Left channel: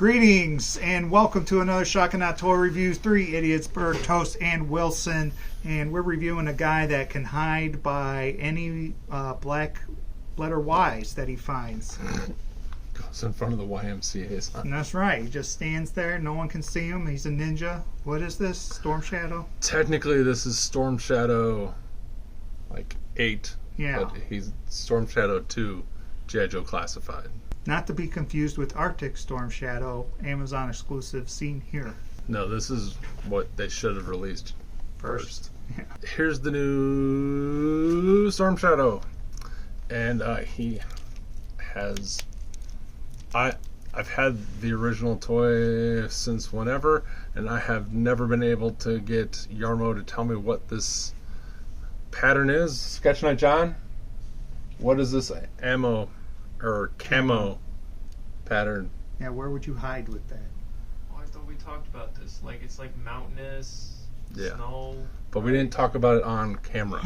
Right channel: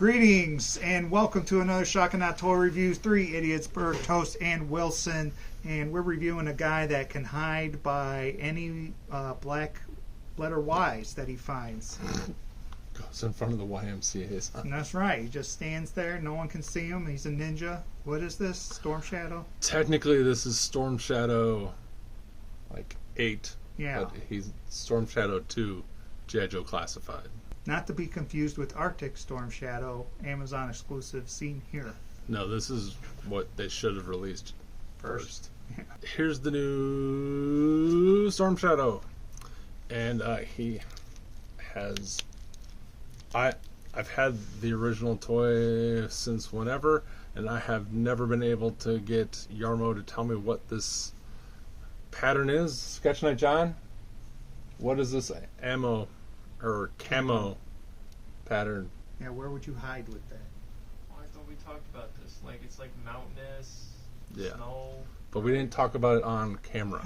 Greetings and welcome to another Shock and Not Toy Reviews. 3 idiots, Berg, Toast, and Wilson. And we're reviewing a guy that can hide by any black letter Y's that he finds. Goes in front of the YMCA's. And that's right. He just stands there. No one can see him. He's a ninja. What is this? Storm Shadow? Technically, this is Storm Shadow, 8. Yeah. But he's Storm Shadow 2, G.I. Joe Classified. Not to be confused with Arctic Storm Shadow, Amazon exclusive, seen here. No, this is what they should have released first. Yeah. Here's the new Storm Shadow. And he has... I've had the original toy since whenever, and I have never been able to get Yarmo to tell me what this pattern is. Sketch Night John, what is this ammo or camo pattern? Yeah, where would you hide with that? Oh, I thought we talked about this. It's like mountainous, snow. But we didn't talk about it on camera.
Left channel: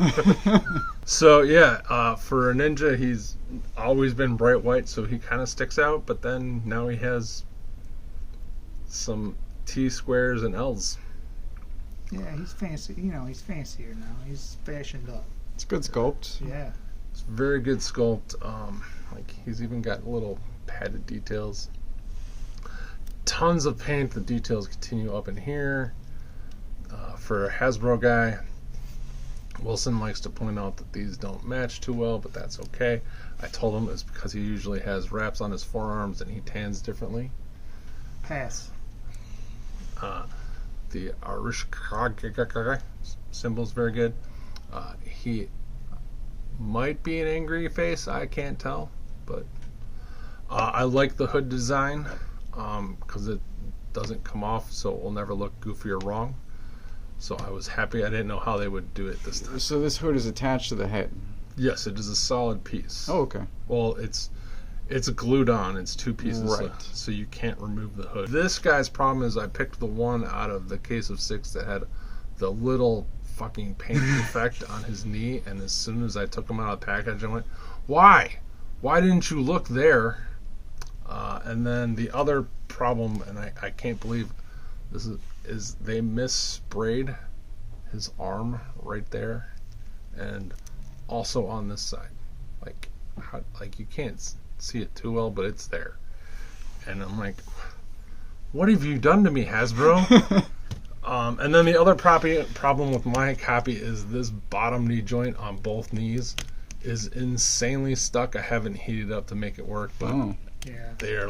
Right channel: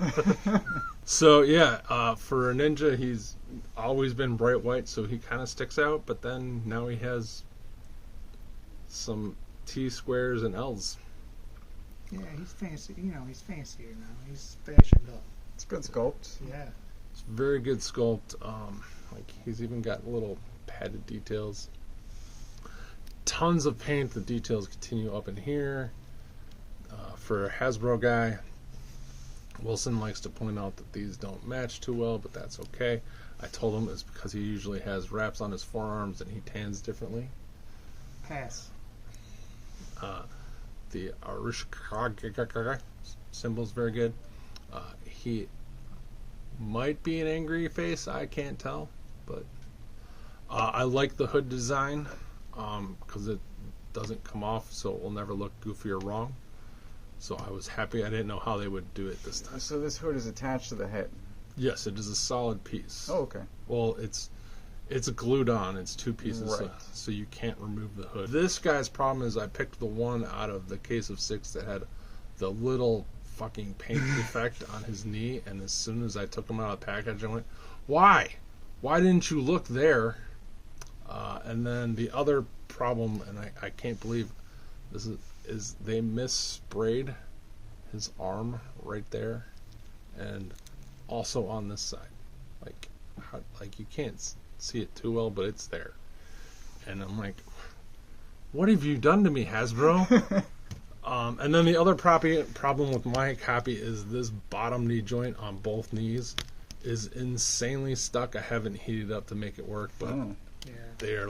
So yeah, for a ninja, he's always been bright white, so he kind of sticks out. But then now he has some T squares and L's. Yeah, he's fancy. You know, he's fancier now. He's fashioned up. It's good sculpt. Yeah. It's very good sculpt. He's even got little padded details. Tons of paint. The details continue up in here. For a Hasbro guy, Wilson likes to point out that these don't match too well, but that's okay. I told him it's because he usually has wraps on his forearms and he tans differently. Pass. The Irish symbol's very good. He might be an angry face, I can't tell, but I like the hood design because it doesn't come off, so it will never look goofy or wrong. So I was happy. I didn't know how they would do it this time. So this hood is attached to the head? Yes, it is a solid piece. Oh, okay. Well, it's glued on. It's two pieces, right. So you can't remove the hood. This guy's problem is I picked the one out of the case of 6 that had the little fucking paint effect on his knee, and as soon as I took him out of the package, I went, why? Why didn't you look there? And then the other problem, and I can't believe this is they missprayed his arm right there, and also on this side. You can't see it too well, but it's there. And I'm like, what have you done to me, Hasbro? And then the other problem with my copy is this bottom knee joint on both knees is insanely stuck. I haven't heated up to make it work, but they are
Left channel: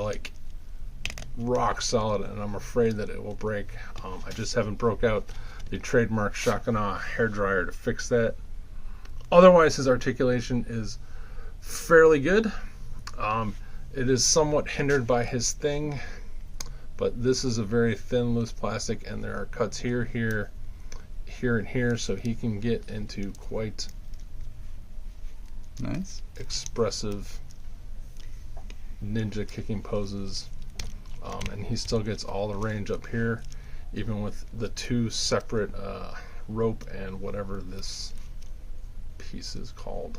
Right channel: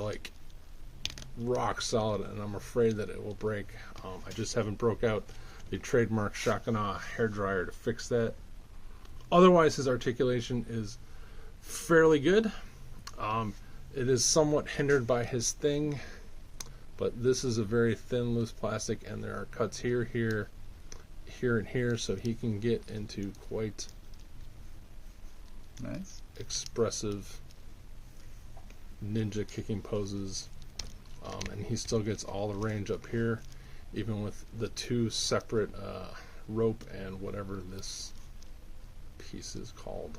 rock solid, and I'm afraid that it will break. I just haven't broke out the trademark Shock and Awe hairdryer to fix that. Otherwise, his articulation is fairly good. It is somewhat hindered by his thing, but this is a very thin, loose plastic, and there are cuts here, here, and here, so he can get into quite nice, expressive ninja kicking poses. And he still gets all the range up here, even with the 2 separate rope and whatever this piece is called.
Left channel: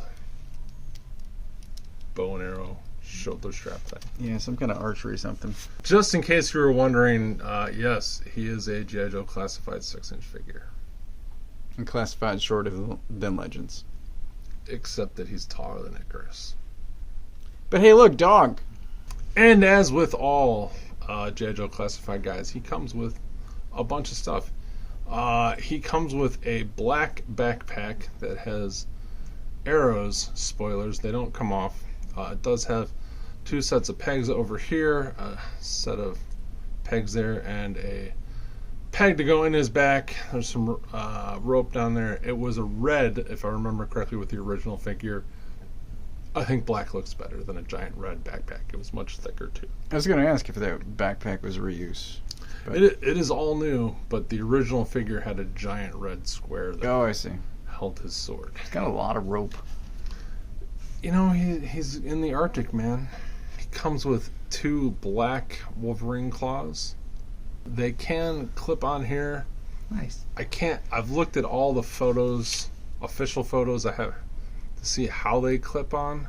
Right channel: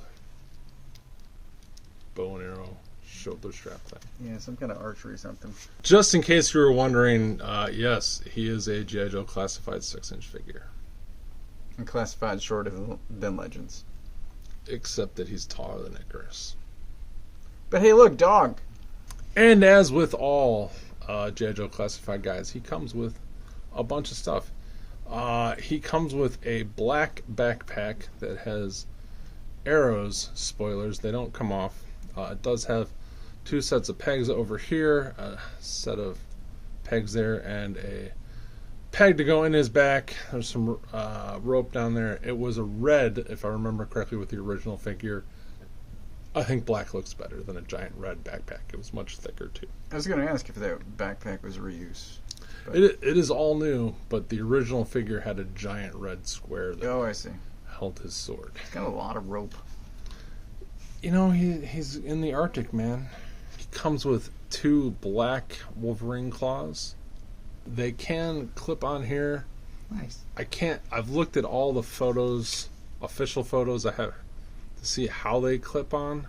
Bow and arrow shoulder strap thing. Yeah, some kind of archery something. Just in case you were wondering, yes, he is a G.I. Joe Classified 6-inch figure. And classified shorter than Legends. Except that he's taller than Icarus. But hey, look, dog! And as with all G.I. Joe Classified guys, he comes with a bunch of stuff. He comes with a black backpack that has arrows, spoilers, they don't come off. It does have 2 sets of pegs over here, a set of pegs there, and a peg to go in his back. There's some rope down there. It was a red, if I remember correctly, with the original figure. I think black looks better than a giant red backpack. It was much thicker too. I was going to ask if that backpack was reuse. It is all new, but the original figure had a giant red square that I see. held his sword. He's got a lot of rope. You know, he's in the Arctic, man. He comes with 2 black Wolverine claws. They can clip on here. Nice. I've looked at all the photos, official photos I have, to see how they clip on.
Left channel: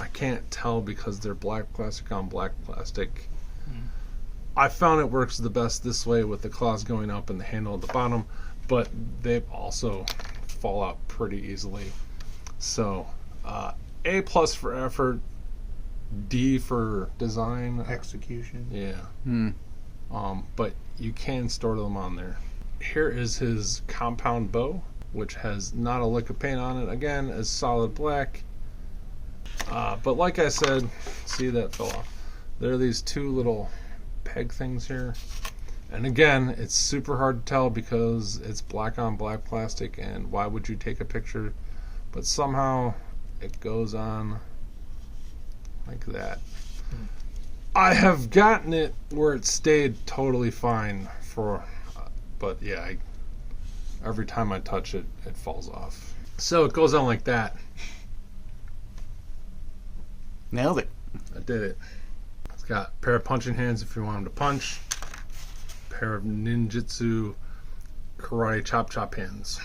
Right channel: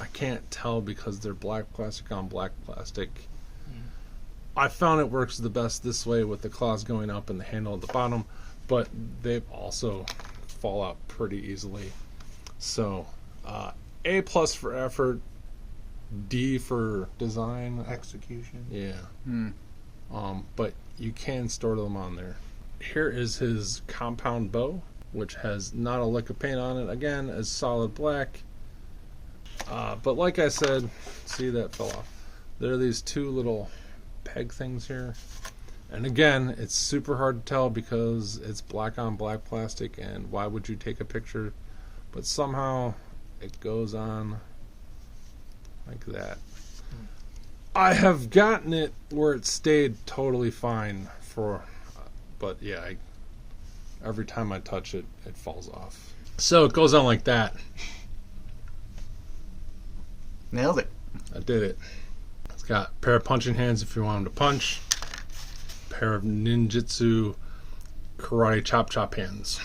I can't tell because they're black plastic on black plastic. I found it works the best this way with the claws going up and the handle at the bottom, but they also fall out pretty easily. So, A+ for effort, D for design. Execution. Yeah. But you can store them on there. Here is his compound bow, which has not a lick of paint on it. Again, is solid black. But like I said, see that fell off. There are these two little peg things here. And again, it's super hard to tell because it's black on black plastic, and why would you take a picture? But somehow it goes on like that. I have gotten it where it stayed totally fine but yeah, every time I touch it, it falls off. So it goes on like that. Nailed it. I did it. It's got a pair of punching hands if you wanted to punch, a pair of ninjutsu karate chop hands.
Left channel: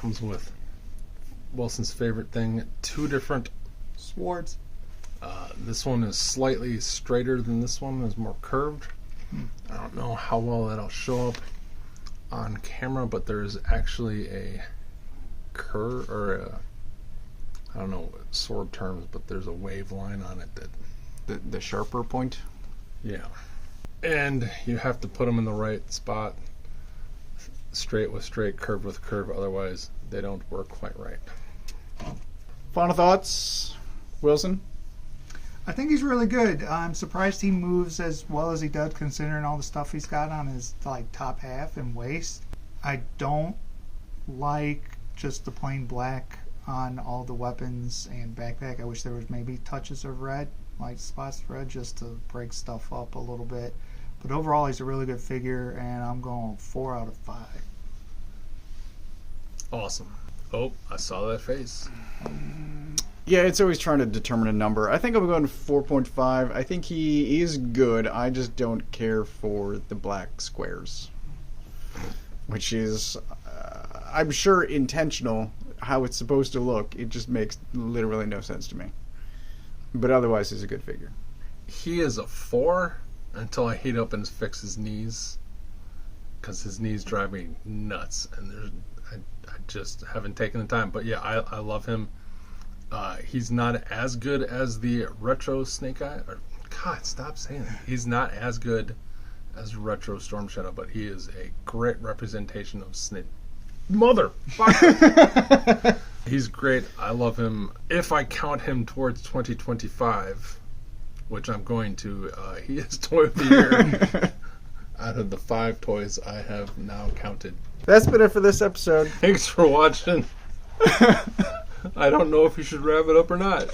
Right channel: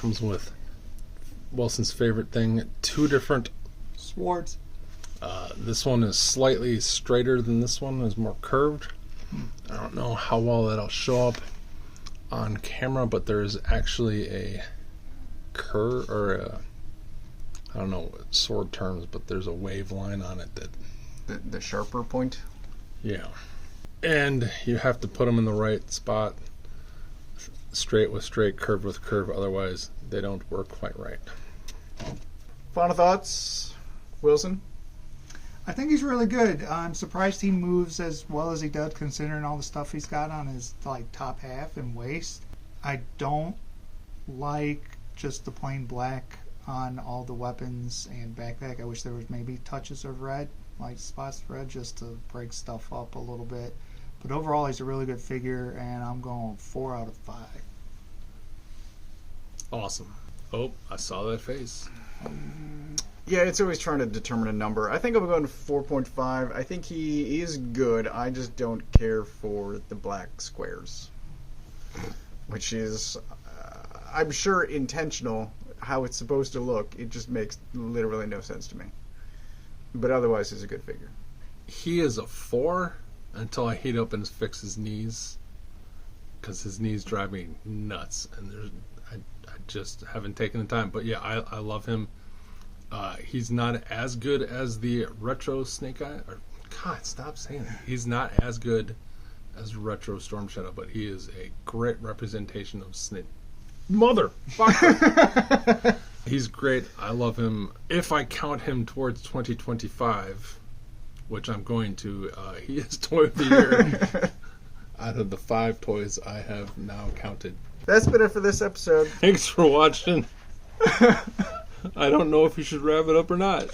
Comes with Wilson's favorite thing, 2 different Swords. This one is slightly straighter than this one, is more curved. I don't know how well that'll show up on camera, but there's actually a curve, or I don't know sword terms, but there's a wave line on it that The sharper point. yeah, and you have to put them in the right spot, straight with straight, curve with curve, otherwise they don't work quite right. Final thoughts, Wilson? I think he's really good. I'm surprised he moves as well as he does, considering all the stuff he's got on his top half and waist. I don't like just the plain black on all the weapons and backpack. I wish there was maybe touches of red, like spots of red, just to break stuff up a little bit. But overall, he's a really good figure, and I'm going 4 out of 5. Awesome. Oh, I saw that face. Yeah, it's always trying to determine a number. I think I'm going 4.5. I think he is good. I just don't care for the black squares, which is, I'm sure, intentional. How it's supposed to look, it just makes literally no sense to me. But otherwise, he's a good figure. He is a 4 until I heat up and fix his knees, because his knees drive me nuts, and I just haven't taken the time. But yeah, I love him. He's not as good as the retro Snake Eye. God, stop saying that. He's not as good as retro Storm Shadow, but he is a great representation of Snake. Motherfucker! He's great. I love him. If I count him towards 2025, which I'm going to, he is Toy of the Year out of the 5 toys I have now counted. That's been it for this episode. Thanks for watching. I don't know if you should wrap it up or not.